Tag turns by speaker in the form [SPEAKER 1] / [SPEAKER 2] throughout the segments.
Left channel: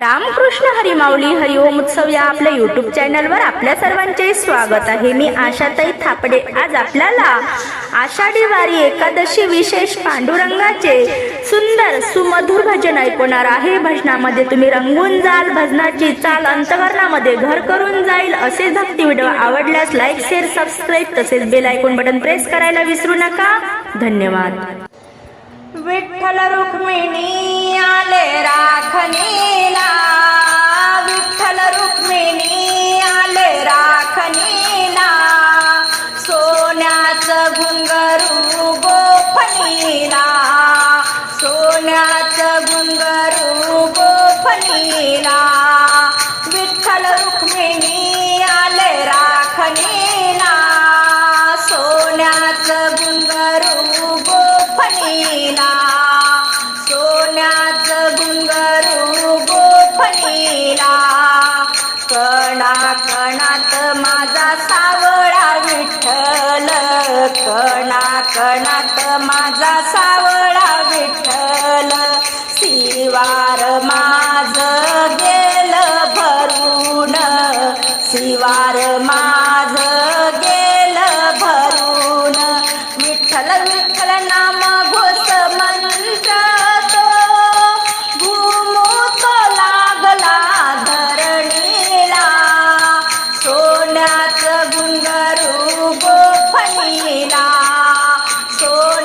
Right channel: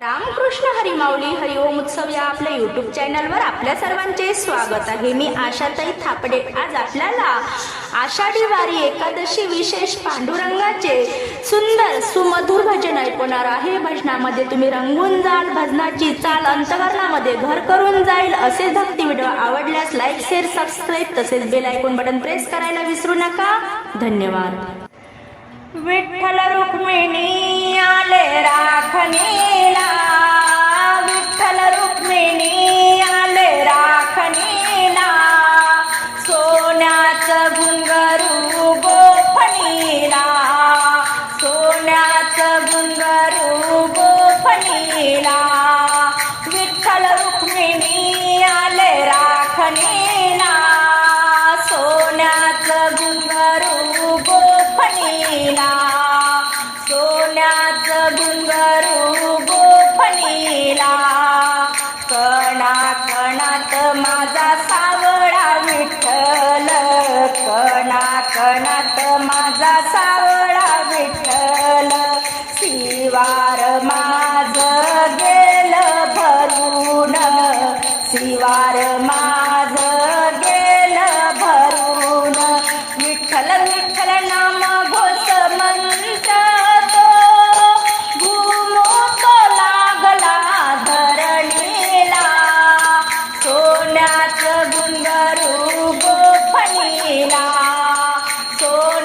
[SPEAKER 1] रामकृष्ण हरिमाऊली हरिओम उत्सव या आपल्या युट्यूब चॅनलवर आपल्या सर्वांचे स्वागत आहे. मी आशाताई थापडे. आज आपल्याला आषाढी वारी एकादशी विशेष पांडुरंगाचे सुंदर सुमधुर भजन ऐकवणार आहे. भजनामध्ये तुम्ही रंगून जाल भजनाची चाल अंतकरणामध्ये घर करून जाईल असे भक्ती व्हिडिओ आवडल्यास लाईक शेअर सबस्क्राईब तसेच बेल ऐकून बटन प्रेस करायला विसरू नका. धन्यवाद.
[SPEAKER 2] विठ्ठल रुक्मिणी आले राखणीला. विठ्ठल रुक्मिणी आले राखणीला. सोन्याचं घुंगरू गोफणीला सोन्याचं घुंगरू गोफणीला विठ्ठल रुक्मिणी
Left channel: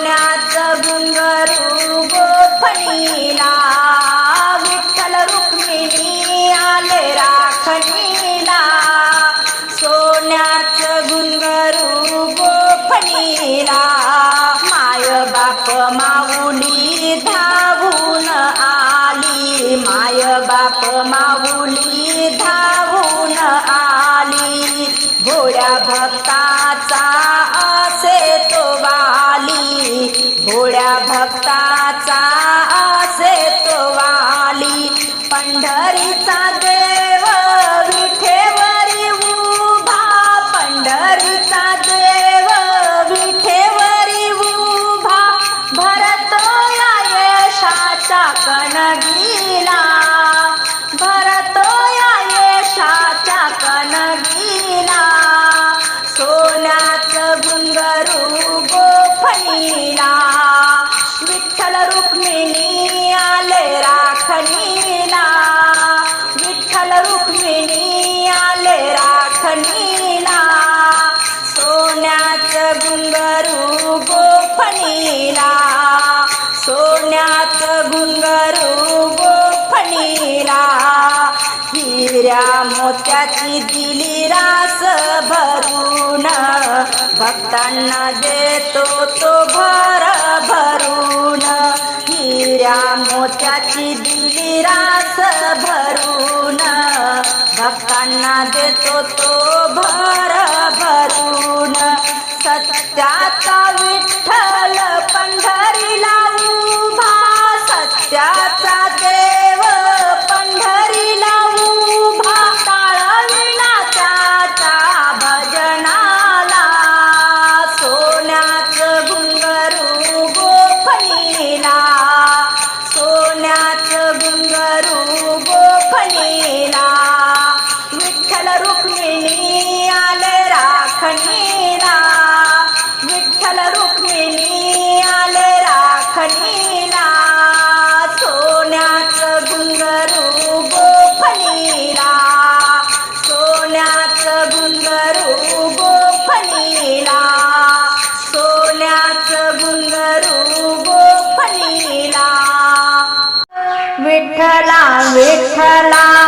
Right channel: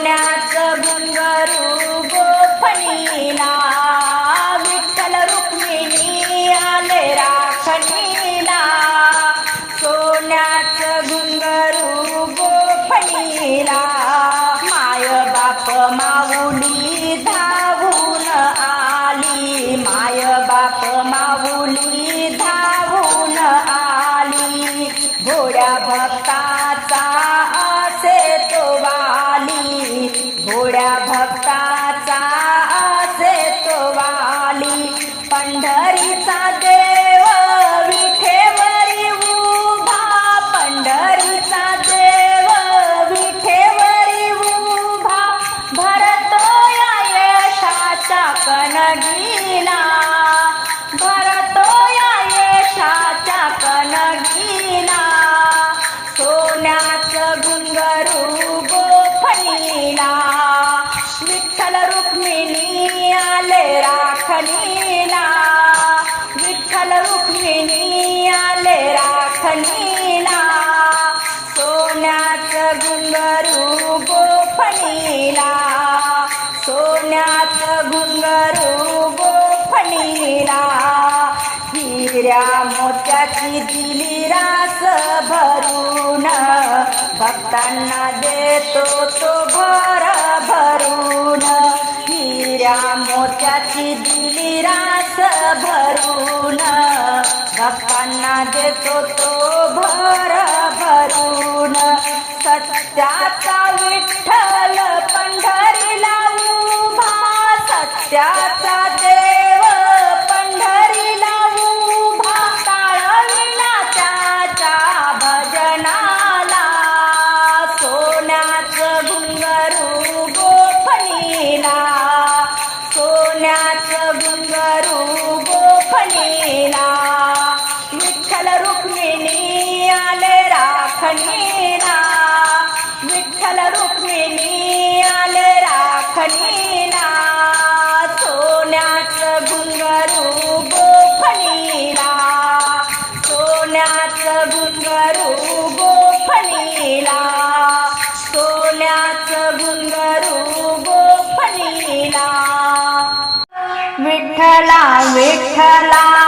[SPEAKER 2] सोन्याचं घुंगरू गोफणीला गोफणीला सोन्याचं घुंगरू गोफणीला सोन्याचं घुंगरू गोफणीला. हिऱ्या मोत्याची दिली रास भरून भक्तांना देतो तो भर भरून. हिऱ्या मोत्याची दिली रास भरून भक्तांना देतो तो भर भरून. सत्याचा विठ्ठल पंढरीला उभा सत्याचा सोन्याचं गुंगरू गोफणीला विठ्ठला विठ्ठला.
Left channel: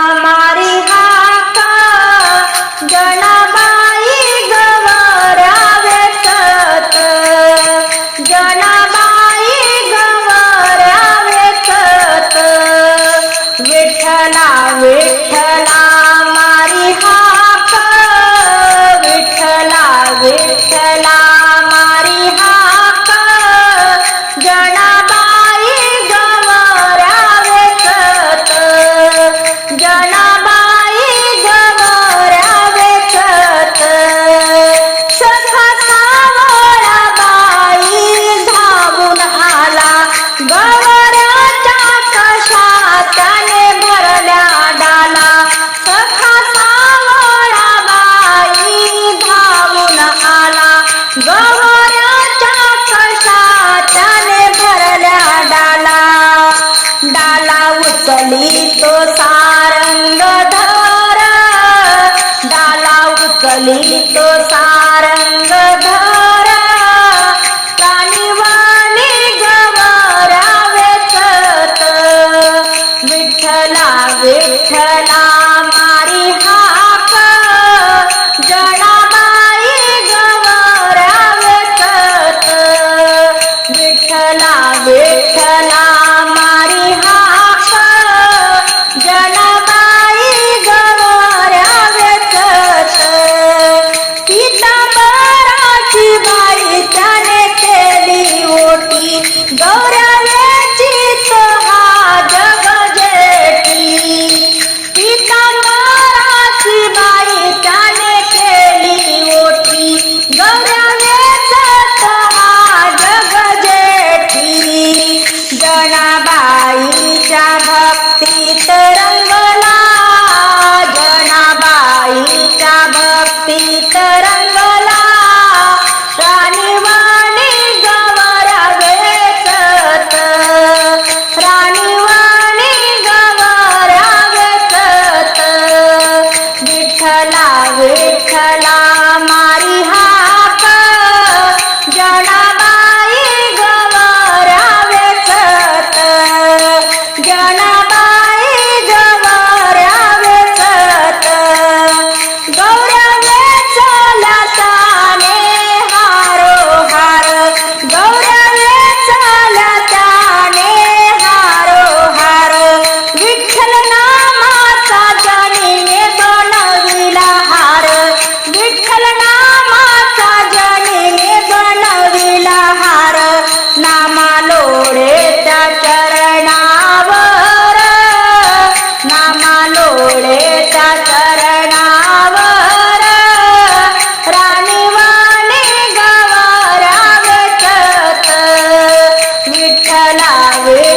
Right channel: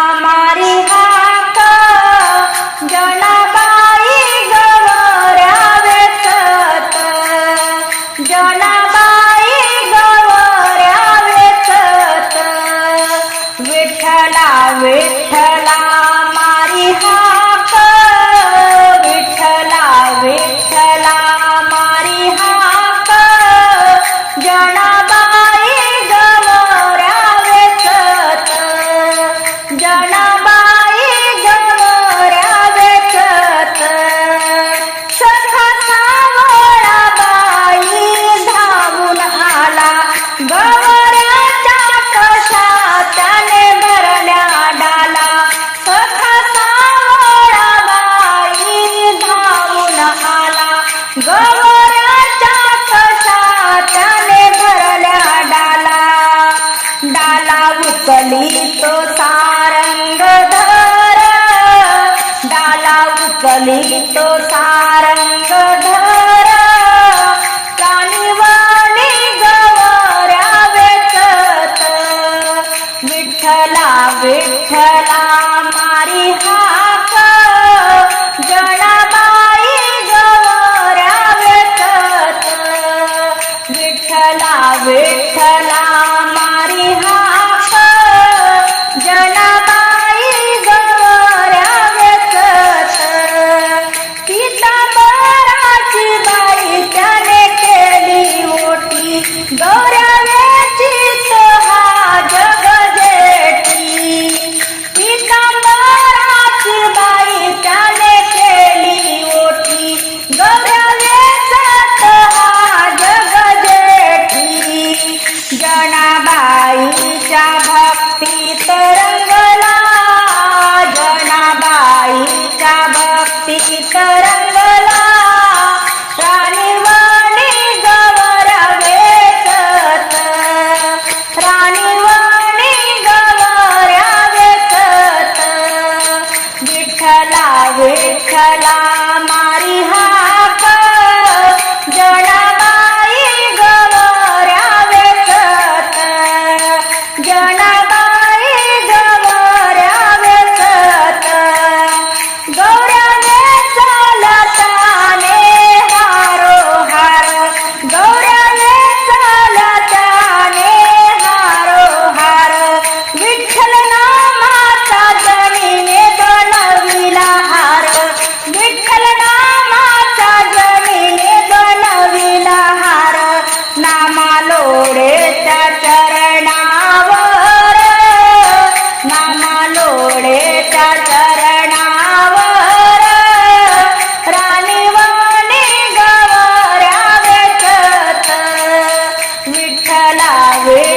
[SPEAKER 2] उचली तो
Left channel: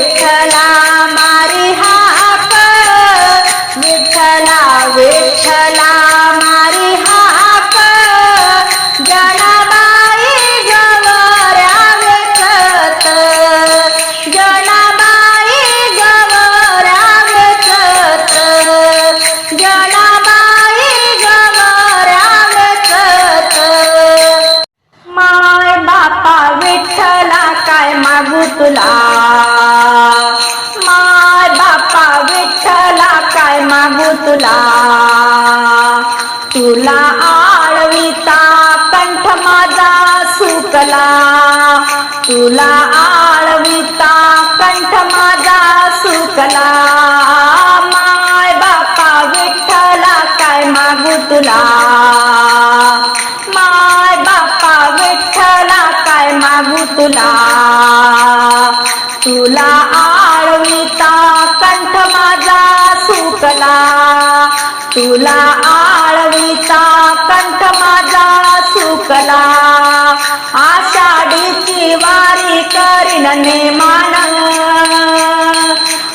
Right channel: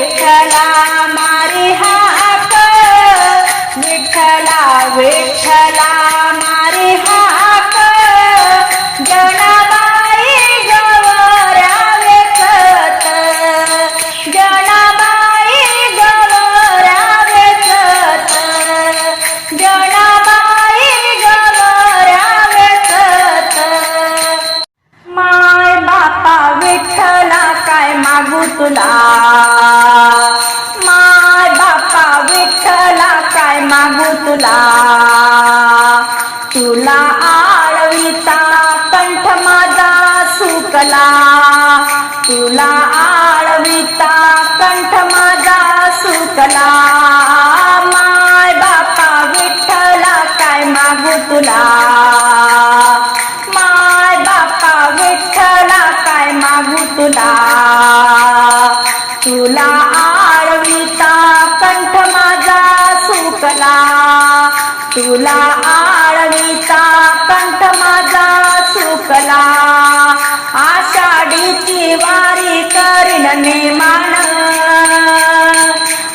[SPEAKER 2] विठ्ठला तुला. तुला आळविता कंठ माझा सुकला. तुला आळविता कंठ माझा सुकला. माय बापा विठ्ठला काय मागू तुला? माय बापा विठ्ठला काय मागू तुला? तुला आळविता कंठ माझा चुकला तुला आळवीचा कंठ माझा सुकला. आषाढीची वारी करीन नेमान.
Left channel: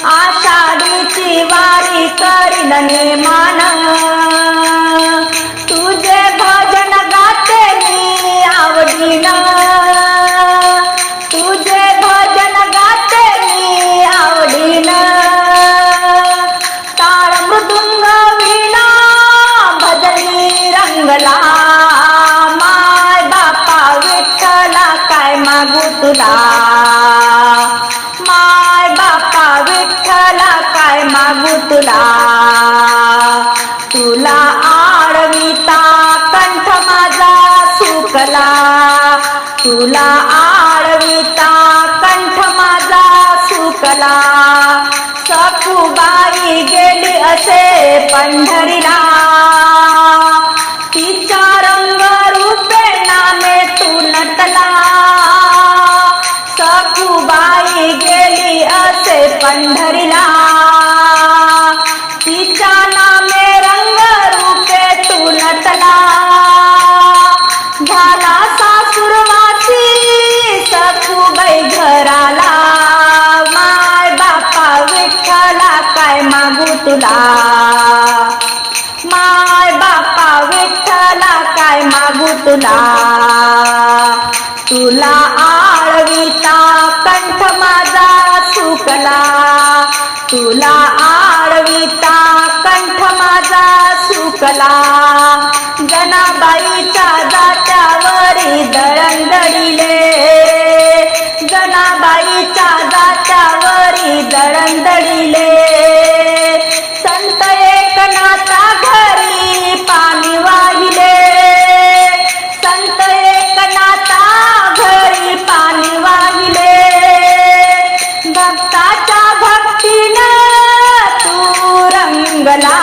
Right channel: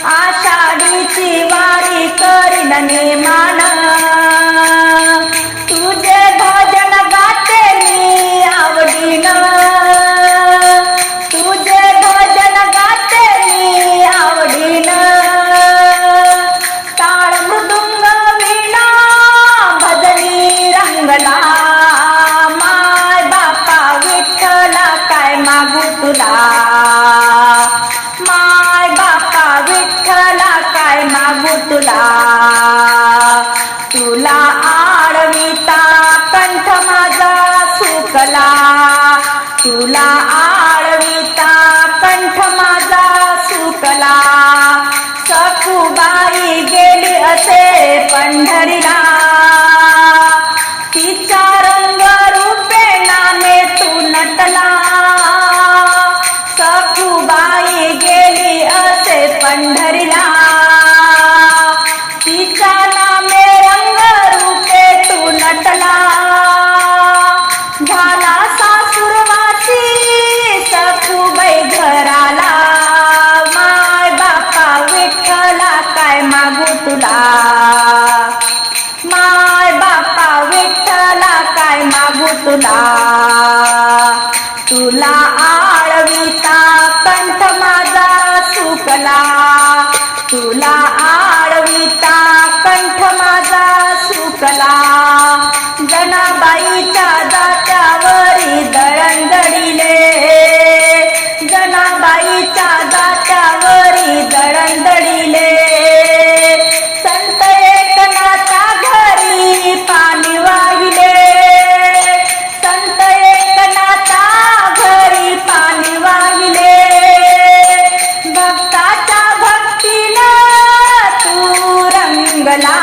[SPEAKER 2] आषाढीची वारी करीन नेमान. तुला. माय बापा विठ्ठला काय मागू तुला? तुला आडविता कंठ माझा सुकला. तुला आडविता कंठ माझा सुकला. सखुबाई गेली असे पंढरीला. तिचा रंग रूपे नामे तू नटला. सखूबाई गेली असे पंढरीला. तिचा नामे रंग रूपे तू नटला. झाला सासुरवासी सखूबाई घराला. माय बापा विठ्ठला काय मागू तुला? माय बापा विठ्ठला काय मागू तुला? तुला माझा सुकला. तुला आळविता कंठ माझा सुकला. जनाबाईच्या जात्यावरी दळणदळीले जनाबाईच्या जात्यावरी दळणदळीले रंगला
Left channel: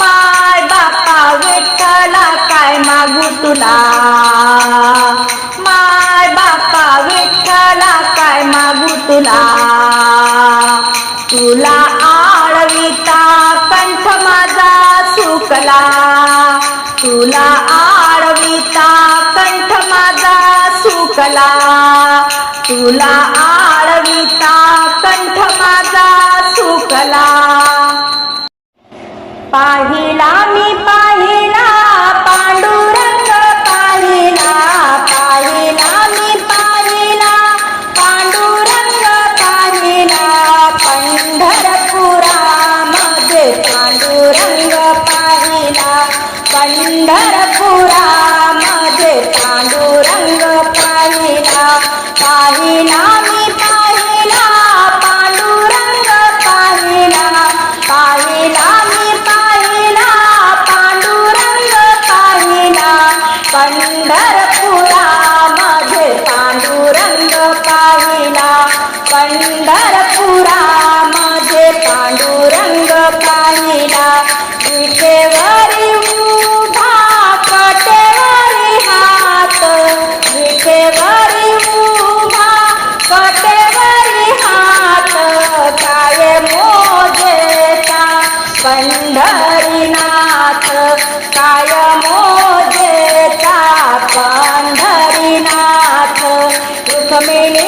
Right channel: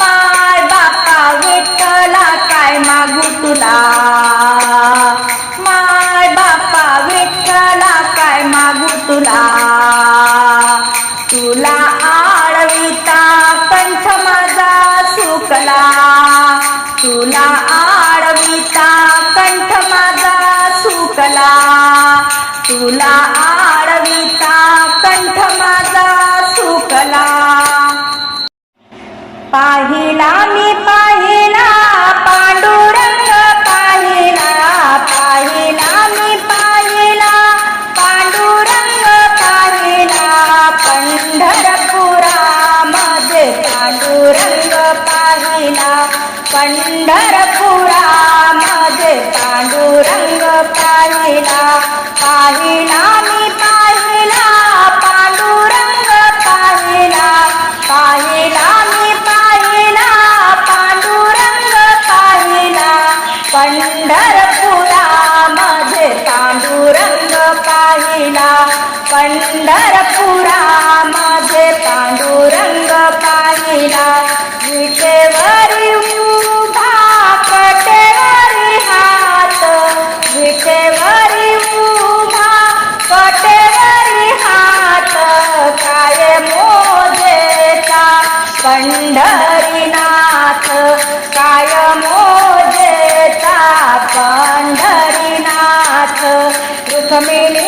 [SPEAKER 2] माय बापा विठ्ठला काय मागू तुला? माय बापा विठ्ठला काय मागू तुला? तुला आळविता कंठ माझा सुकला. तुला आळविता कंठ माझा सुकला. तुला आळविता कंठ माझा सुकला. पाहिला मी पाहिला पांडुरंग पाहिला पाहिला मी पाहिला पांडुरंग पाहिला पंढरपुरा मध्ये पांडुरंग पाहिला पंढरपुरा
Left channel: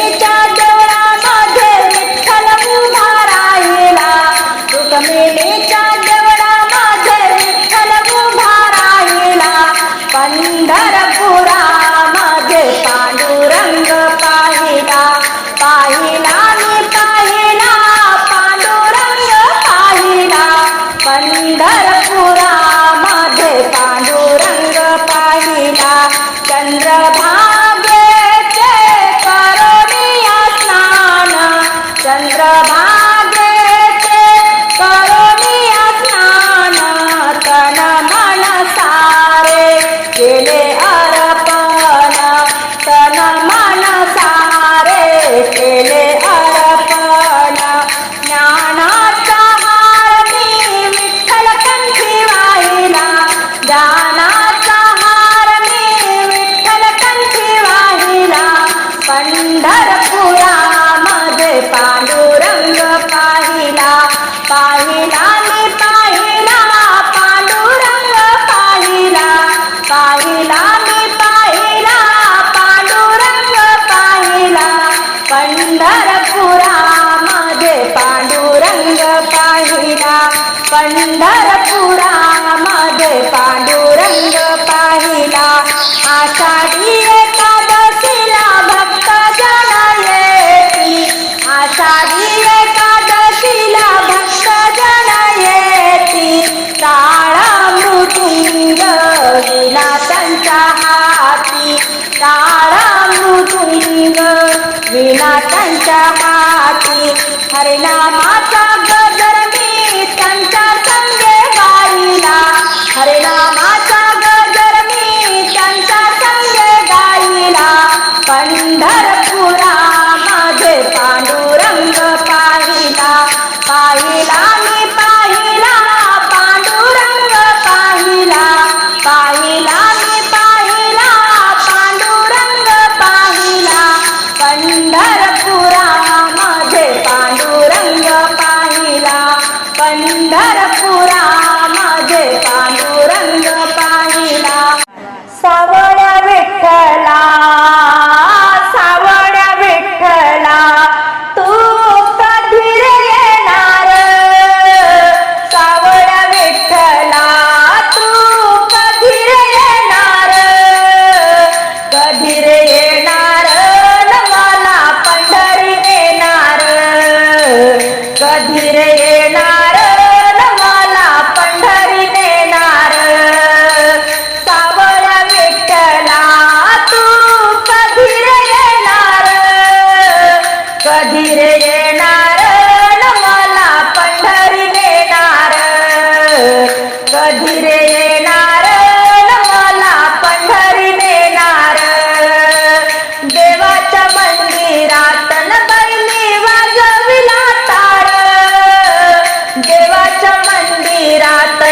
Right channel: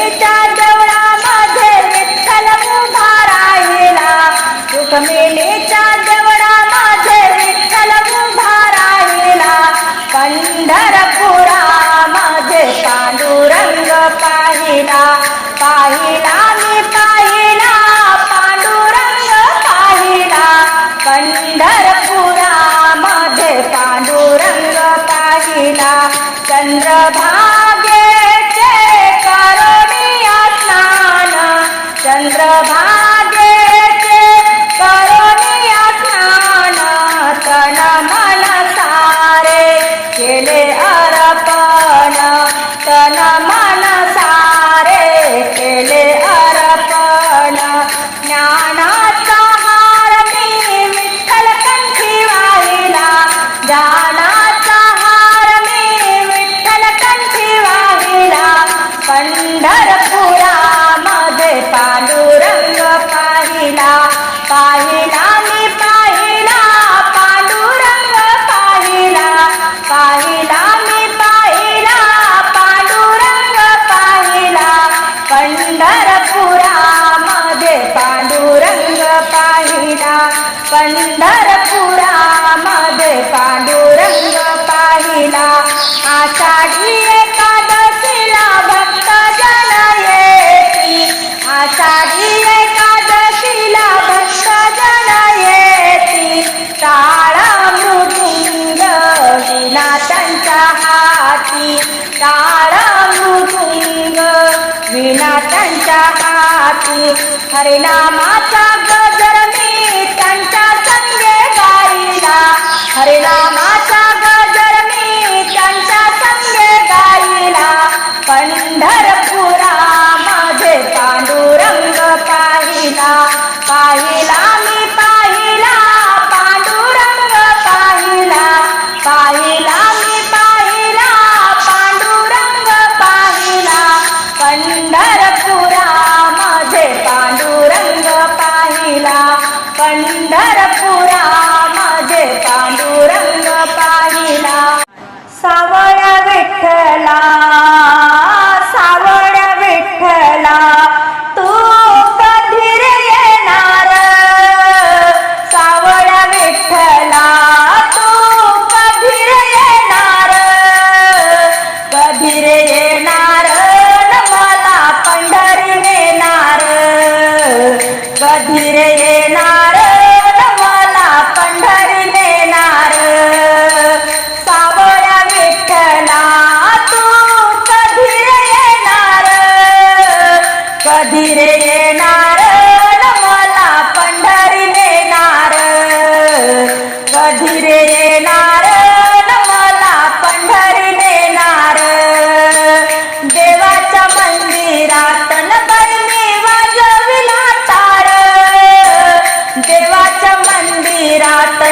[SPEAKER 2] देवीच्या देवळा मध्ये विठ्ठल उभा राहिला सुख मिळे त्यांच्या हाती हरिनामाचा गजर मी त्यांच्या संगे गाईला. हरिनामाचा गजर मी त्यांच्या संगे गाईला. पंढर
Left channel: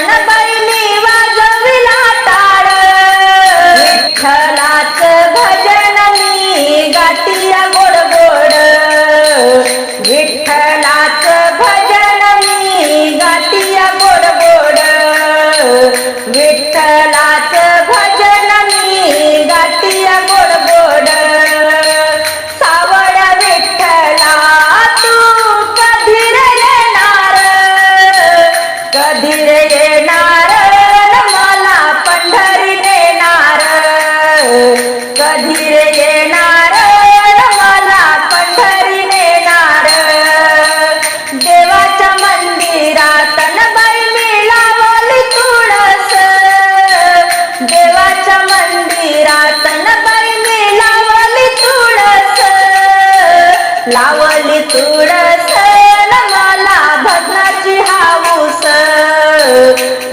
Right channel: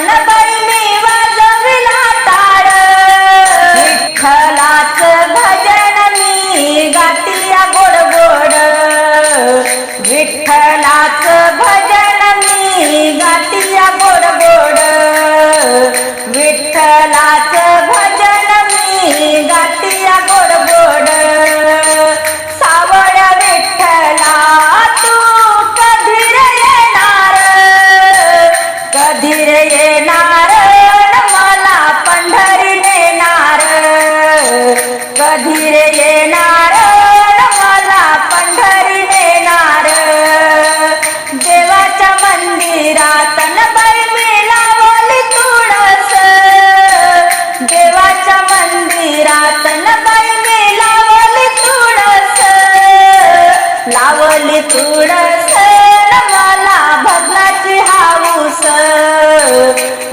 [SPEAKER 2] मंदिरात न लावली तुळस मला भद्राची हाऊस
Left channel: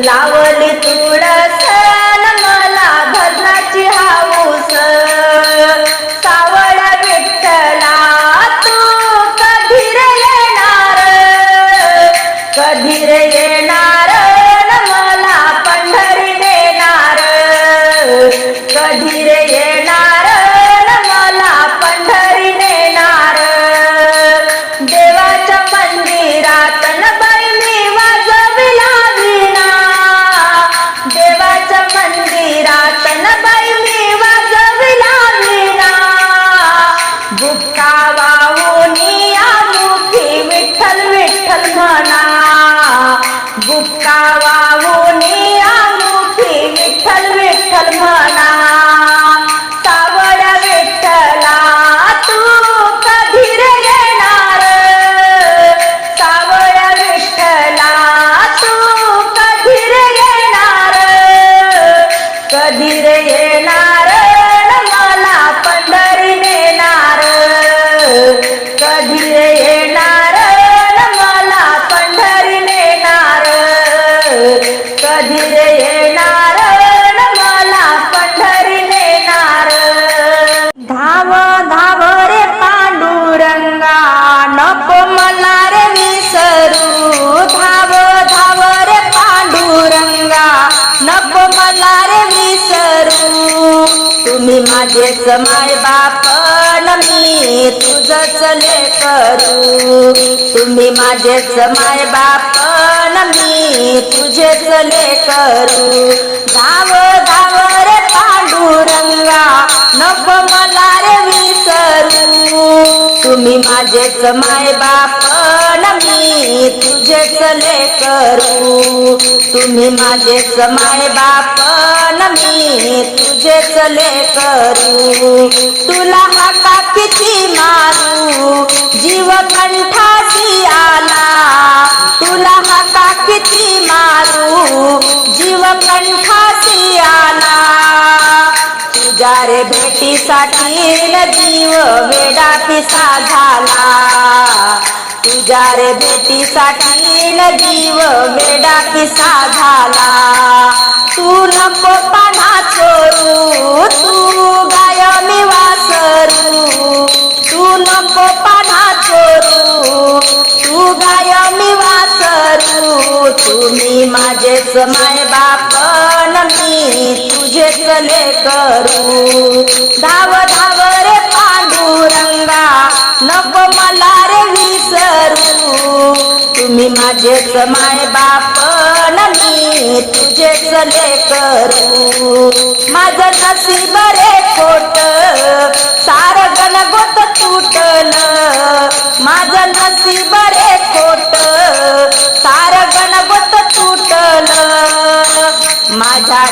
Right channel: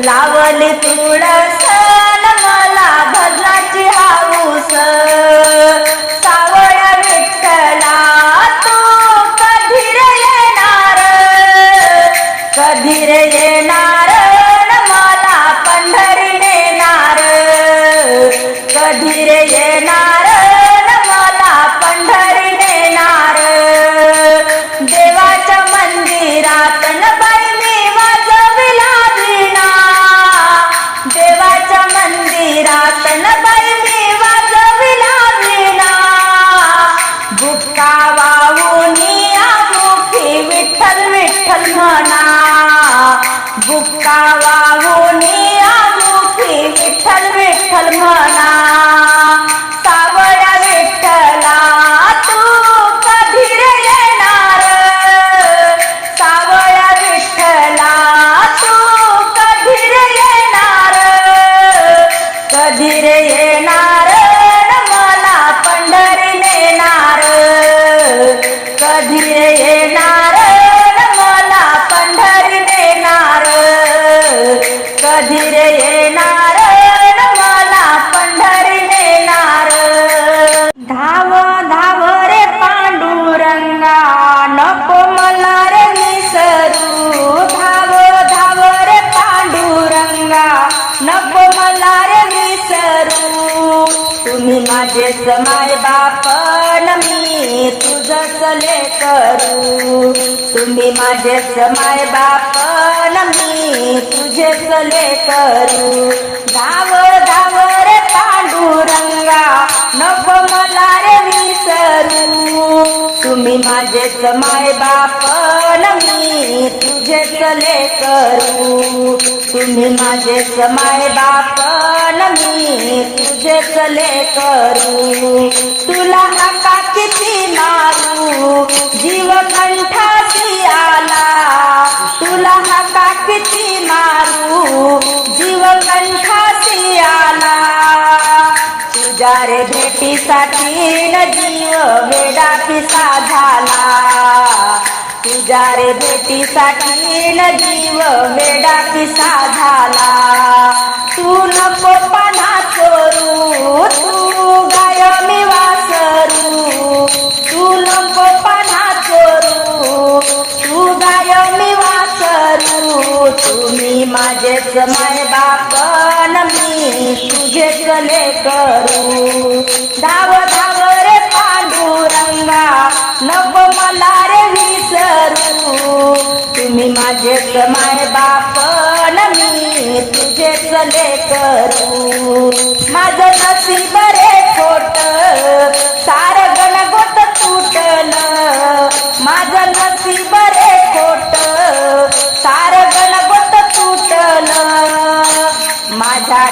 [SPEAKER 2] लावली तुळस विठ्ठल नको मला रे विसरू तुम्ही माझेच माय बाप न मी तुझच करू. तुम्ही माझेच माय बाप न मी तुझेच करू. धाव धाव रे पांडुरंगा नको मला रे विसरू. तुम्ही माझेच माय बाप न मी तुझेच करू तुम्ही माझेच माय बाप न मी तुझेच करू तुला आता किती मारू? जीव कंठाशी आला. तुला आता किती मारू? तुझ्या रे भेटीसाठी न जीव वेडा झाला. तुझ्या रे भेटीसाठी न जीव वेडा झाला. तू नको पाना चोरू तू गाय मी वासरू. तू नको पाना चोरू तू गाय मी वासरू तुम्ही माझेच माय बाप न मी तुझेच करू धाव धाव रे पांडुरंगा नको मला रे विसरू. तुम्ही माझेच माय बाप न मी तुझेच करू माझं नसीब रे खोट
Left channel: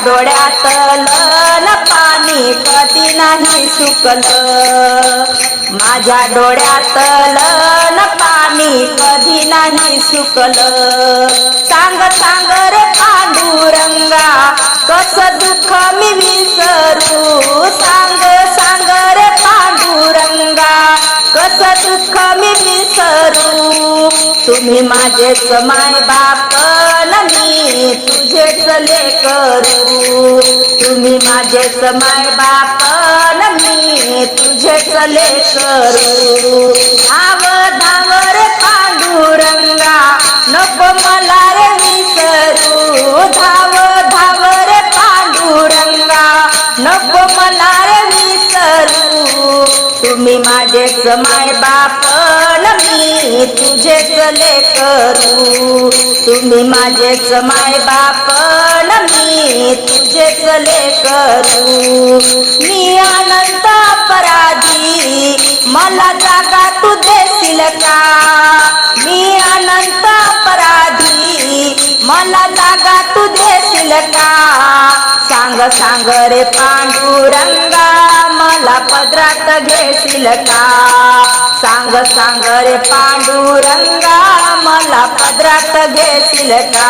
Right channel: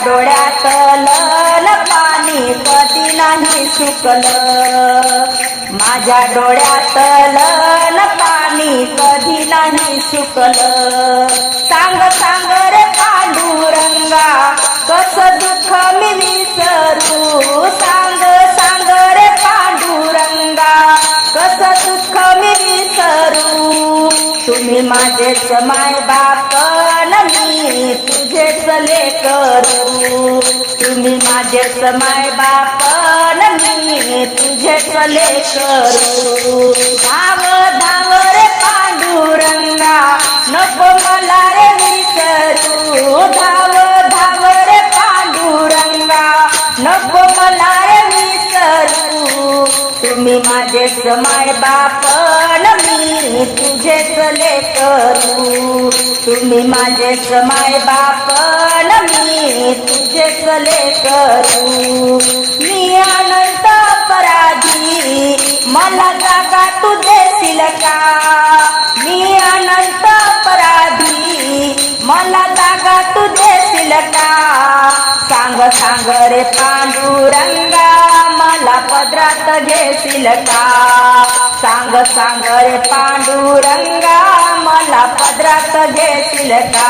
[SPEAKER 2] डोळ्यातलं पाणी कधी नाही सुकलं. माझ्या डोळ्यातलं पाणी कधी नाही सुकलं. सांग सांग रे पांडुरंगा कस दुःख मी विसरू? सांग कस दुःख मी विसरू? तुम्ही माझेच माय बाप न मी तुझेच करू तुम्ही माझेच माय बाप मी तुझेच लेकरू. धाव धाव रे पांडुरंगा नको मला माझेच माय बापन मी तुझेच लेकरू. तुम्ही माझेच माय बापन मी तुझेच लेकरू. मी अनंत अपराधी मला जागा तू देशील का? मी अनंत अपराधी मला जागा तू देशील का? सांग सांग रे पांडुरंगा मला पदरात घेशील का? सांग सांग रे पांडुरंगा मला पदरात घेशील का?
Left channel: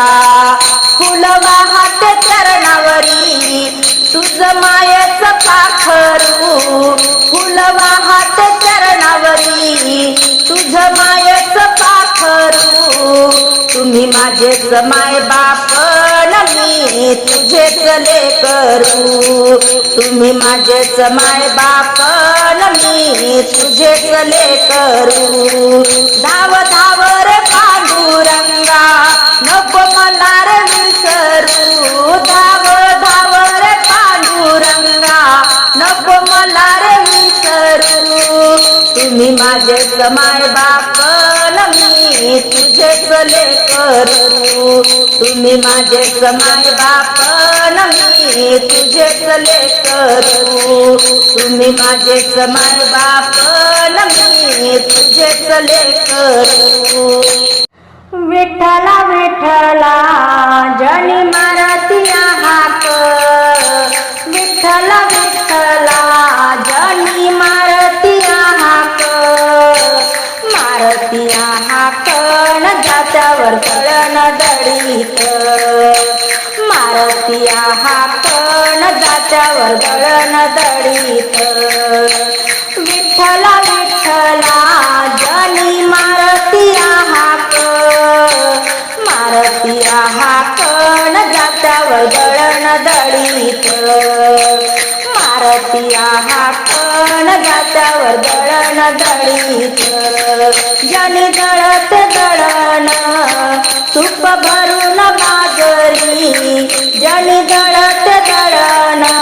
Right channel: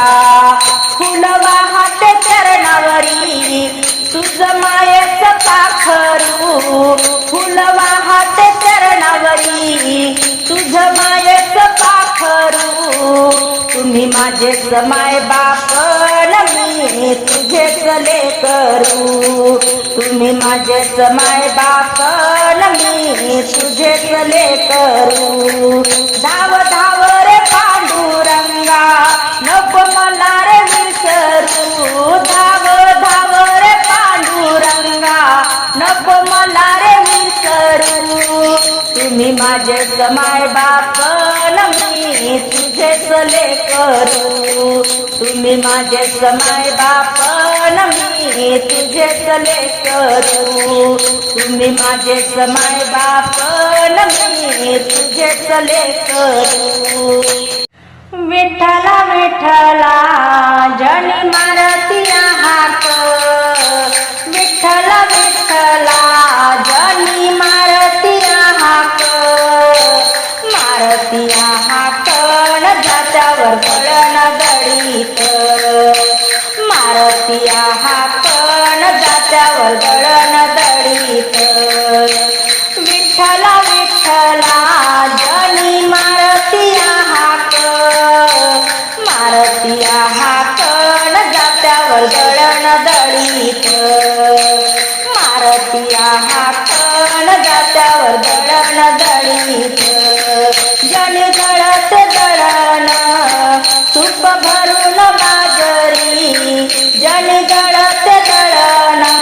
[SPEAKER 2] फुल वाहत चरणावरी तुझ मायच पाखरू. फुल वाहत चरणावरी तुझ माय ठरू तुम्ही माझेच माय बापन मी तुझेच लेकरू तुम्ही माझेच माय बापन मी तुझेच लेकरू धाव धाव रे पांडुरंगा नको मला रे विसरू. धाव धाव नको मला रे विसरू. तुम्ही माझे समाय बाप मी तुझे चले करू तुम्ही माझे समाय बाप मी तुझे चले करू तुम्ही माझे माय बाप मी तुळजेत्वले करू विठ्ठला विठ्ठला जनी मारती हाक विठ्ठला चला जनी मारतिया हाक. मारतिया हाक न जात्यावर कळण दळीत मारतिया हाक न जात्यावर कळण दळीत हातावर दळाना दळीत. जन दळत दळाना तुप भरून बाजरी जन दळत दळाना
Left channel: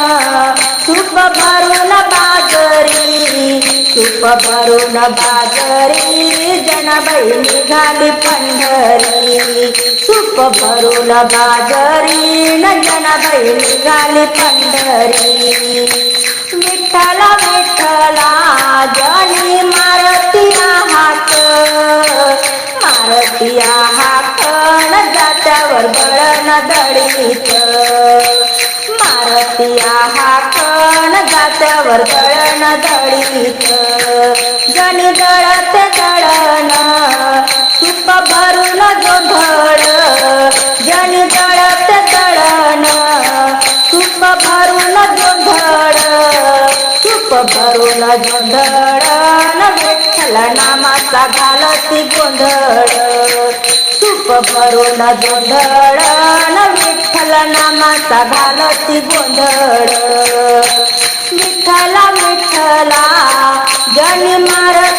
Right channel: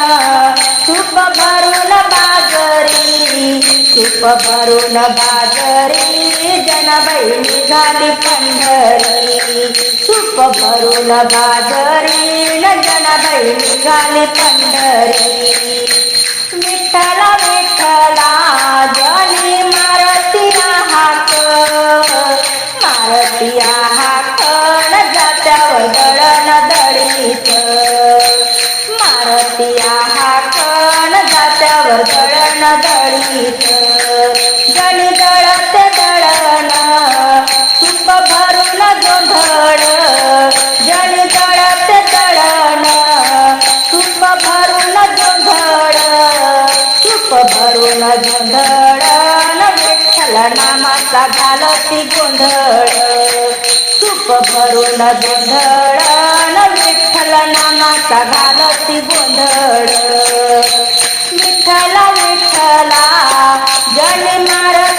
[SPEAKER 2] तुप भरून बाजरी तुप भरून बाजरी जनाबाई निघाली पंढरी. तुप भरून बाजरी न जनाबाई निघाली पंढरी. विठ्ठला विठ्ठला जणी मारतिया हात मारतिया हात न जात्यावर दळण दळीत. मारतिया हात न जात्यावर दळण दळीत. नामाचा घालती गोंधळ. तुप भरून गोंधळ विठ्ठल नामाचा घालती गोंधळ. विठ्ठला विठ्ठला जनी मार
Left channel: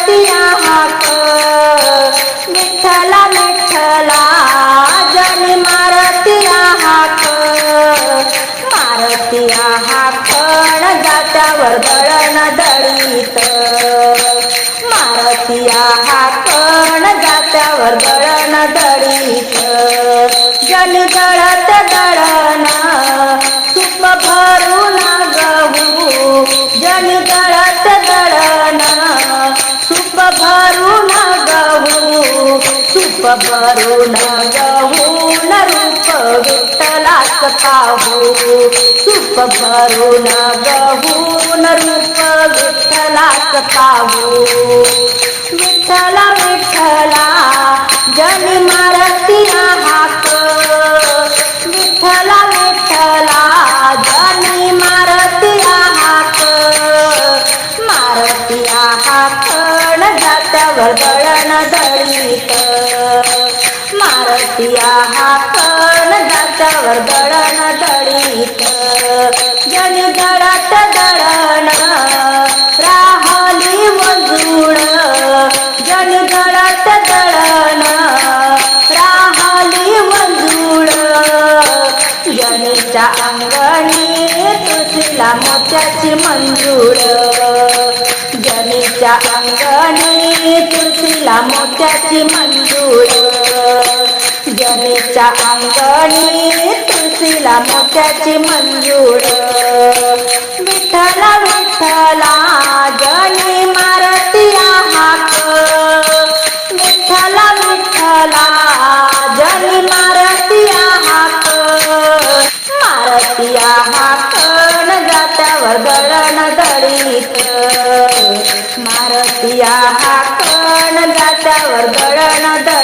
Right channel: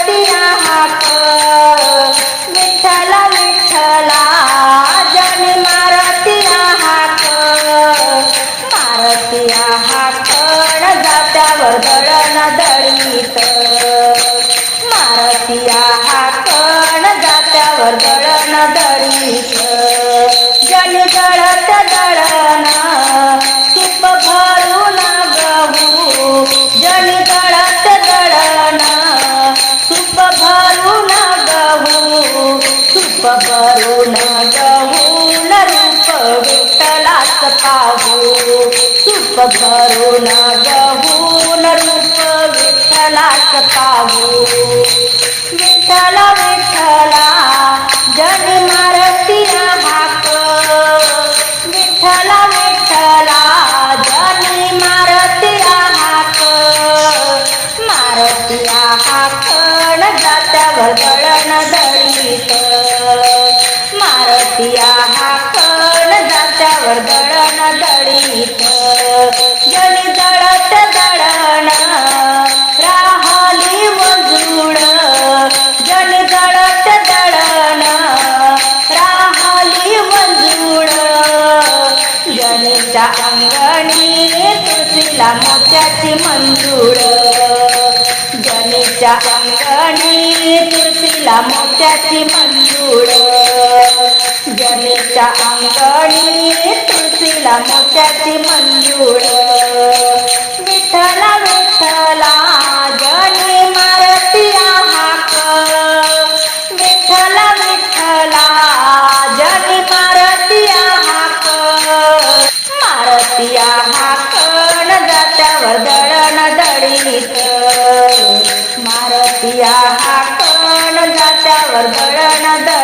[SPEAKER 2] दळण दळीत जन दळत दळण तुप भरून गहू जन दळत दळण तुप भरून गहू तुप भरून गहू न रूप विठ्ठलाच पाहू. तुप भरून गहू न रूप विठ्ठलाच पाहू. विठ्ठला विठ्ठला जन मारतिया मोत्याची मंजूर. जनीच्या अंगणी तुळशीला मोत्याची मंजूर. जनीच्या अंगणी तुळशीला मोत्याची मंजूर. विठ्ठला विठ्ठला मारतिया हाकण जात्यावर दळण दळीत